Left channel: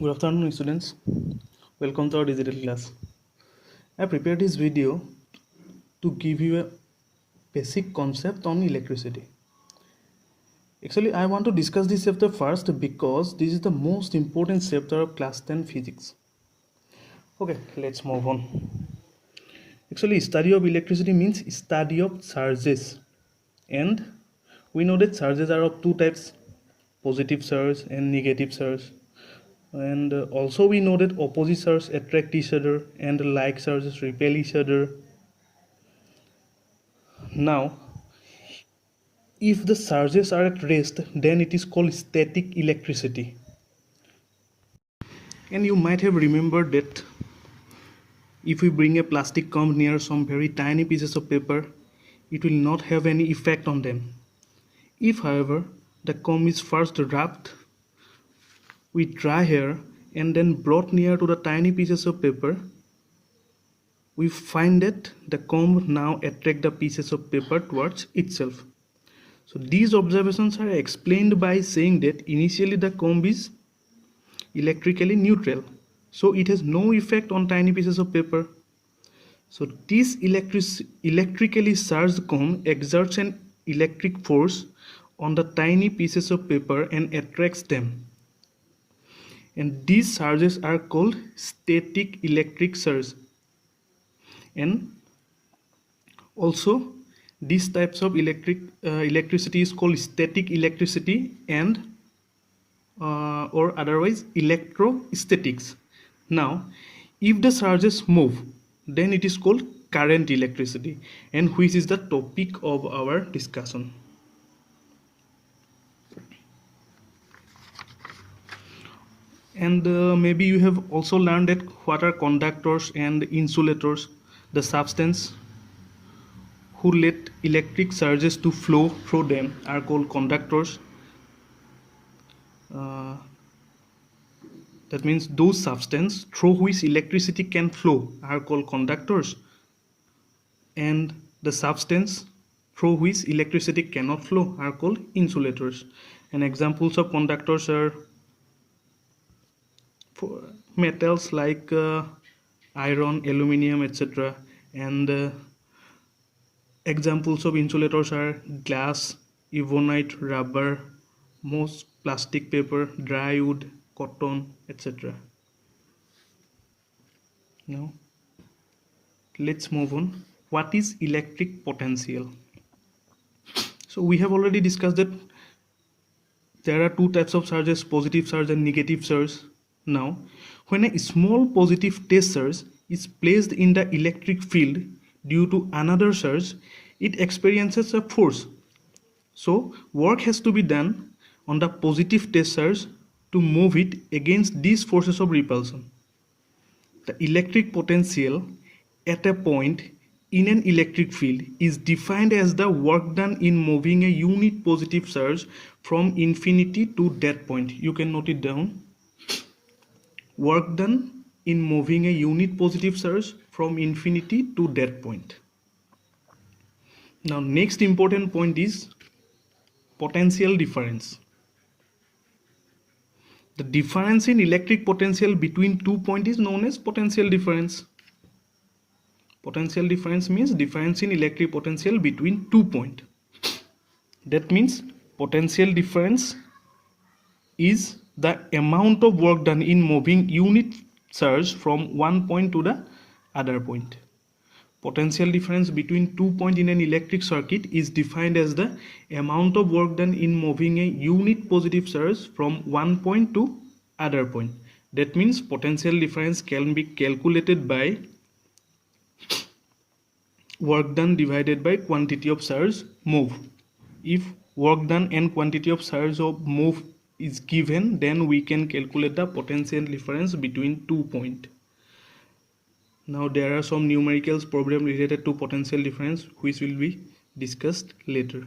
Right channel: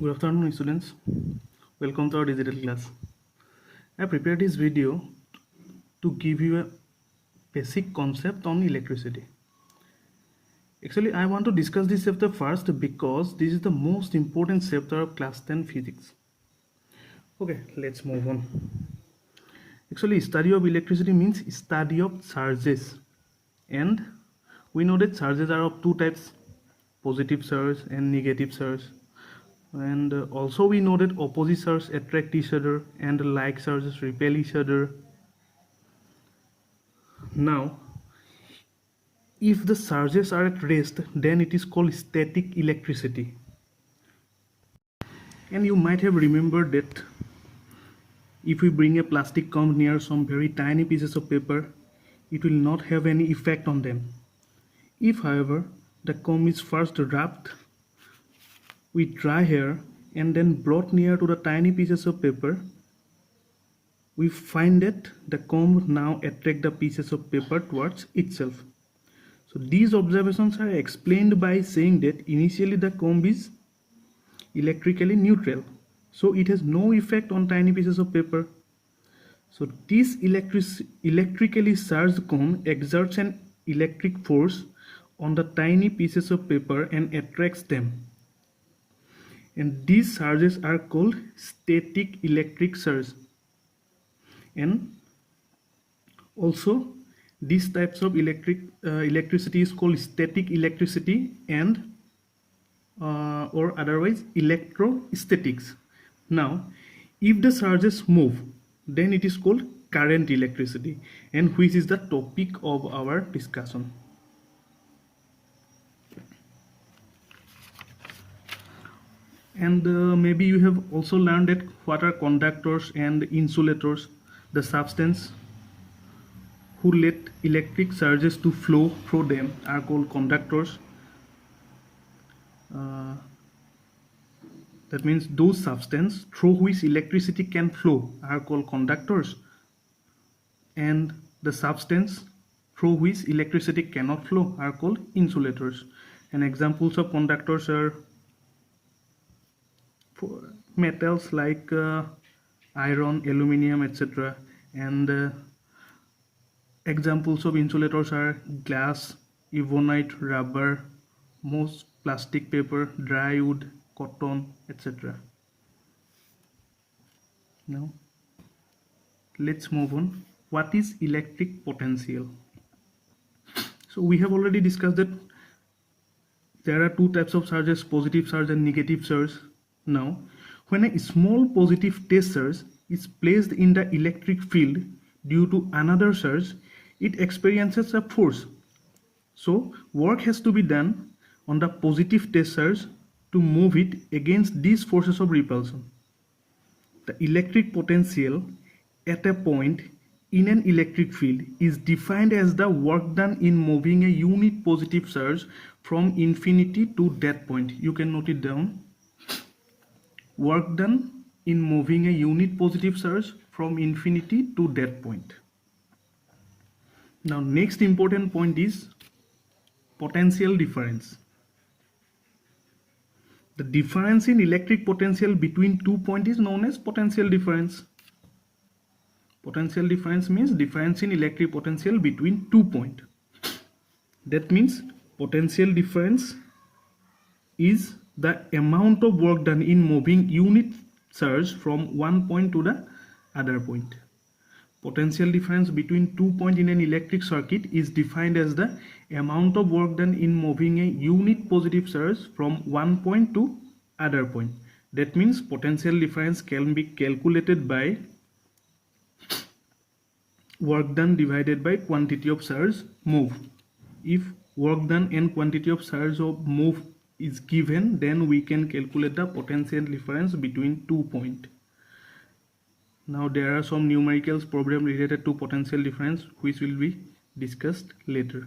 Good afternoon, students. Welcome to our digital class. I prepared this video to give you a basic concept on electricity. Actually, I want to discuss this chapter first because this is the most important chapter of class 10 physics. Okay, let's move on. Actually, study of electricity means study of charges. And we know that charges are of two types, positive charge and negative charge. And also we know that opposite charges attract each other and like charges repel each other. Now, if the charges are at rest, then it is called static electricity. And you might have remembered that if we bring a plastic comb near some very tiny pieces of paper, it will not have any effect on them. If, however, the comb is first rubbed with dry hair and then brought near to the tiny pieces of paper, we find that the comb now attracts the pieces of paper towards itself. So these observations are explained by saying that initially the comb is electrically neutral, so it has no effect on tiny pieces of paper. So this electrically charged comb exerts an electric force on the tiny pieces of paper and attracts them. And these charges are called static electric charge. And also these types of electricity is called static electricity and or otherwise electrostatics. Now, if the charges move, then it is called current electricity, and which is the topic of our discussion. And maybe you have also learned that what are conductors and insulators, the substance who let electric charges to flow through them are called conductors. That means those substances through which electricity can flow are called conductors, and the substance through which electricity cannot flow are called insulators. And examples of conductors are metals like iron, aluminum, etc. And examples of insulators are glass, ebonite, rubber, most plastic paper, dry wood, cotton, etc. Now, let's move on. What is electric potential? So we have already discussed that there are two types of charges, positive charge and negative charge. Now, when a small positive test charge is placed in the electric field due to another charge, it experiences a force. So, work has to be done on the positive test charge to move it against these forces of repulsion. The electric potential at a point in an electric field is defined as the work done in moving a unit positive charge from infinity to that point. You can note it down. Work done in moving a unit positive charge from infinity to that point. Now, next important point is potential difference. The difference in electric potential between 2 points is known as potential difference. Potential difference means difference in electric potential between 2 points. That means potential difference is the amount of work done in moving unit charge from one point to the other point. Potential difference between 2 points in an electric circuit is defined as the amount of work done in moving a unit positive charge from one point to other point. That means potential difference can be calculated by work done divided by quantity of charge moved. If work done and quantity of charge of move is given, then we can calculate the potential difference between 2 points. Now there are some numericals problem related to potential difference which will be discussed later.